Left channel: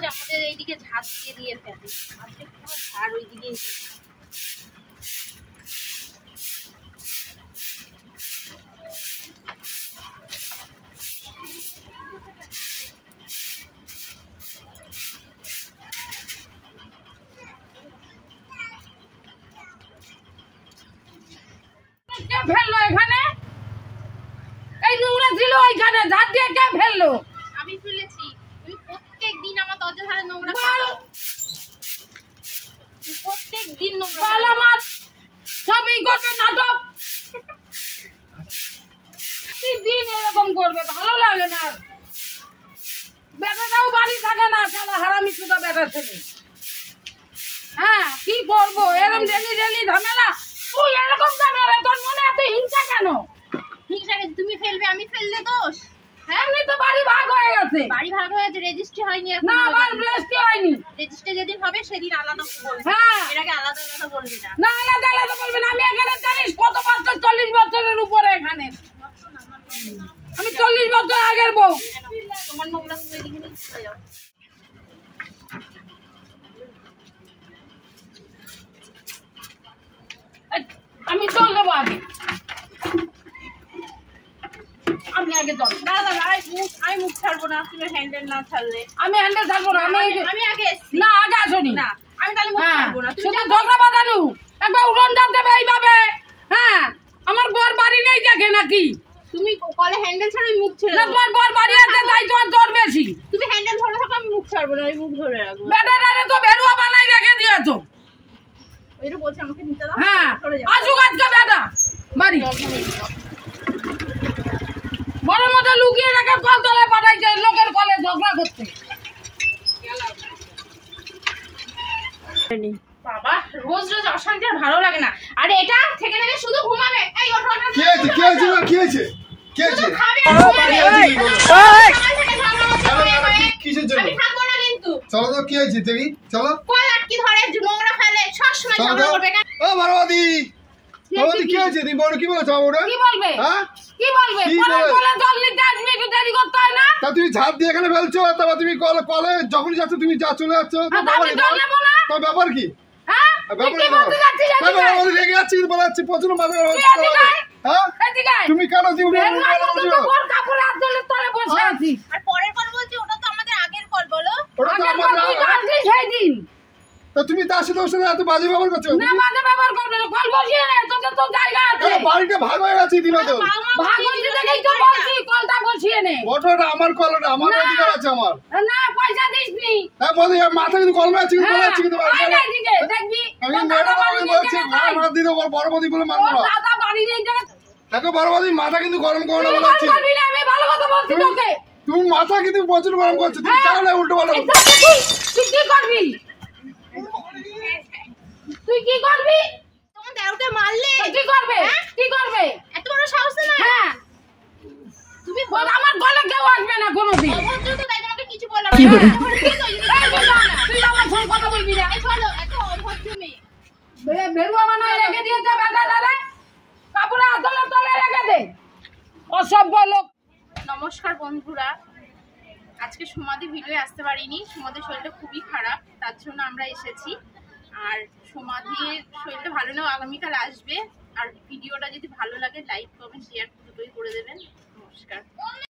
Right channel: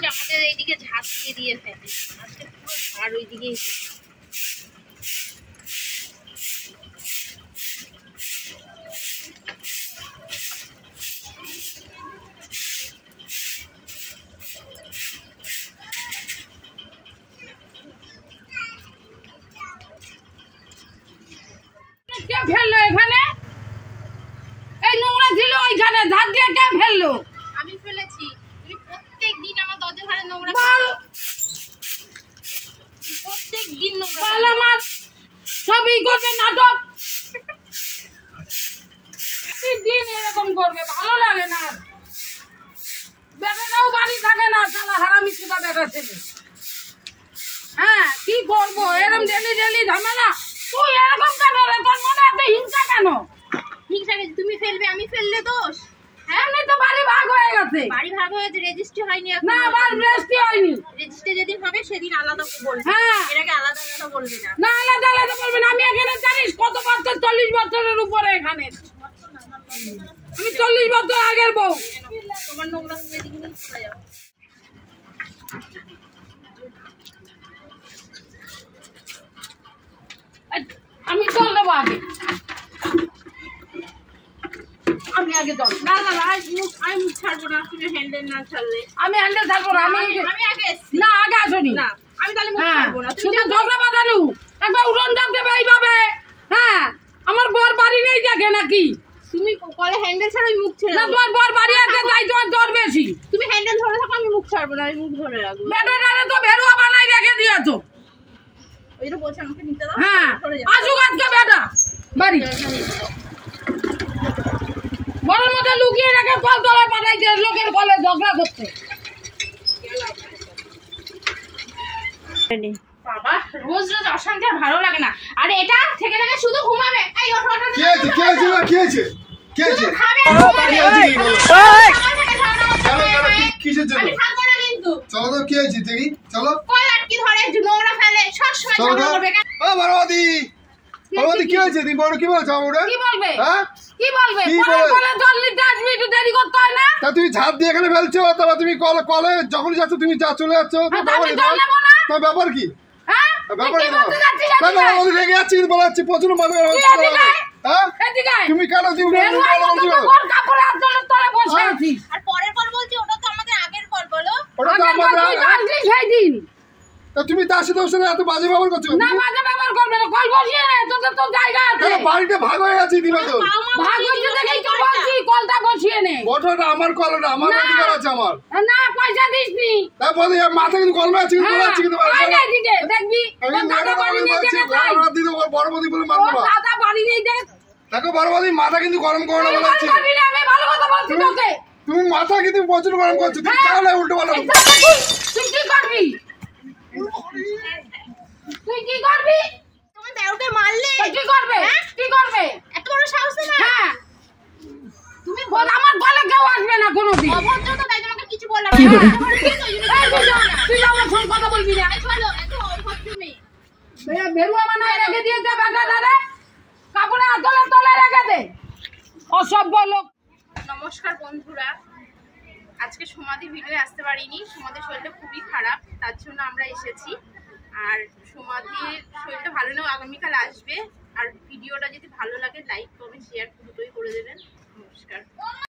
রোজ আমাদের এইদিকে ঝাড় দিয়ে ফেলে, আজকে পুরো ঝাড় ওইদিকে। কে ফেললো এখানে? এই নোংরা ছিল ওইখানে, ঝাড় দিয়ে কে ফেললো? আমি ফেলেছি। তুমি প্রত্যেকদিন আমার দরজা ধারে নোংরা বল, প্রত্যেকদিন নোংরা বল আমার সবই করবে নাটক। দিন এরকম করবে, ভালো লাগে না। বেটাটাও বাড়ি থাকে না, সারা হারামি সুদা বেটা ছেলে। হ্যাঁ কি করবো, এরকম ডেলি ডেলি ঝামেলা। তুই এরকম কেন রে? তোর মনে এত হিংসা কেন? হিংসা গেছে, তুমি ফেলবে আমি ফেললে দোষ? হ্যাঁ এমনি তো বাড়ি ভাগ হয়ে গেছে। বাড়ি ভাগ হয়েছে, রেজিস্ট্রি হয়নি না, আবার রেজিস্ট্রি হয়নি। রেজিস্ট্রি যেদিন হবে সেদিন আলাদা বলবে। হ্যাঁ এর আগে আলাদা আলাদা বলবি না। না, আলাদা আলাদা বলবি না। আমি এখানে জানিস কত বছর, 40 বছরের উপরে এখানে। আমি 40 বছর আগের বউ। তোমার নোংরা তুমি এদিকে নিয়ে চলে যাও। আমি জল দেবো আগে, আমি আগে জল। না না না, আমি মুখ ছাড়বো না, তুমি হ্যান্ডেল না ছাড়লে। আমি হ্যান্ডেল ছাড়বো না। আমি আগে এসছি। না, আগে আসনি। না আমি তাহলে মুখ ছাড়বো না। তুমি শুধু ঝগড়া বাঁধানো, একবার উড়ন ডাক দেবে এইভাবে। হ্যাঁ আমার বর বাড়ি নেই দেখে নাকি? তুমি কলে হ্যান্ডেল ছাড়ো, আমি মুখ ছেড়ে না, দেবো। তোমার বর বাড়ি আছে তাই তোমার জ্বর বেশি। তুমি হ্যান্ডেল ধরে থাকো, আমি মুখ ছাড়বো না, আমি মুখ ধরে রাখবো। বেটাটারে তো ভেরুয়া বানাই রেখে দিয়েছো। এটা বলছে আমাকে নিতে দাও। হ্যাঁ সরে যাও। আসুক আজকে বেটা বাড়ি। ঘরের মধ্যে লুকিয়ে রেখে কল তলায় পাঠাইছে লোকের কলে ঝগড়া করতে। বাবা রোজ রোজ অশান্তি আর ভালো লাগে না। আর এটা থেকে থেকে শুধু ঘুমাবে। এই ওঠো ওঠো। কি হয়েছে? কি হয়েছে? কি হয়েছে? কি হয়েছে? খাবে। কিসের জন্য? আমি থাকবো না কিন্তু। চলো তো, কি হয়েছে? দেখি চলো। কল আটকে ধরে নোংরা ফেলে, সবসময় চলো ঝগড়া তো। করবে। ও বড়বাদি, বড়বাদি কি হয়েছে? তুমি বড় কি বলছো ওটা? কি বলবে? হ্যাঁ কি বলবে? কি পরে বলবে? বলে জল নিতে আসবি, একটু দেরি করতে হয় না? তা তুমি ঝাড় দিয়ে এখানে ফেলছো, তারপর তুমি কলে যখন যাচ্ছ তুমি যা চলে যাচ্ছ। হ্যাঁ, তা আমি জল নেবো না? তো ব্যাপার কি? হ্যাঁ ব্যাপার কি কি? বলতে যাচ্ছিস? তাই এদিকে আয়। বড়বাদি রেগে যাচ্ছে কিন্তু বলা যাচ্ছে প্রচুর মাথা তুই এদিকে আয়। হ্যাঁ এদিকে আয়। তুমি কেন তুমি ভেরুয়া মতো তো কোন কাপড়ে হাত ধরে তলে বসে আছিস? আর পরের কল বলছি, ওটা তো আমাদের আগের কল। বলো ওটা তো আগের বার আমাদের তুই তো আসলি সেই দিন। তা তুমি তার সাথে ওর সাথে এত বাজে ব্যবহার করছো? না, বাজে ব্যবহার করবে না। কল বসিয়ে নে, তোদের তো জায়গা আছে। কেন বাড়িটা ভাগ হয়ে গেছে দিনে তো? ভাগ হচ্ছে দেখেই তো বলছি, কলটা বসিয়ে নে। ঘটনাটা আমার কল, ওটা আমার না। অধিকার আছে আমার। না, পয়সা দিসনি। তারপরে মাথা কিন্তু কলমে আছে কিন্তু বলা যাচ্ছে কিন্তু আয় না এদিকে, দেখবি আমি তোর দাদা ম্যাডাম বাড়ি আমি নেই বলছি দেখে তাই। হাত দিতে বড়বাদি বলে মানবো তোর না। দাদা বাড়ি নেই দেখ। দেখো বড়বাদি মাথা কিন্তু গরম করো না তুই বলা কল যাচ্ছে। করবি না, আমি ভালো কথা বলছি তোকে। তুমি মাথা কিন্তু প্রচুর গরম করছো, তুমি হ্যাঁ। তাহলে উল্টো পাল্টা বলছো। তুই কি করবি? তুই কি করবি? তোমার দেওরকে মারলে তুই কি করবে? কি করবে? এত বড় সাহস না। হ্যাঁ তুমি বল, আমার গলে কেউ আসবে না কোনোদিন। অভদ্র তো, তাই তোমাকে কিছু বললাম কি না। বলে? এই তুই আমার সঙ্গে কথা বলবি না। চলো, এত অভদ্র মেয়ে। ভেরুয়া বানায় রেখে দিয়েছে বেটাটারে, কাপড়ে আতলে তলে রেখে দে। অসভ্য লোক। নমস্কার বন্ধুরা, আজকে সমাধির ভিডিও আসতে পারিনি। সমাধির শরীরটা খুবই খারাপ, তার জন্য আমরা এসেছি। আর সমাধির শরীরটা ভালো নেই, আগামীকাল আসবে। আর ভিডিওটা যদি ভালো লাগে লাইক কমেন্ট শেয়ার দুটোই করে দেবেন। নমস্কার।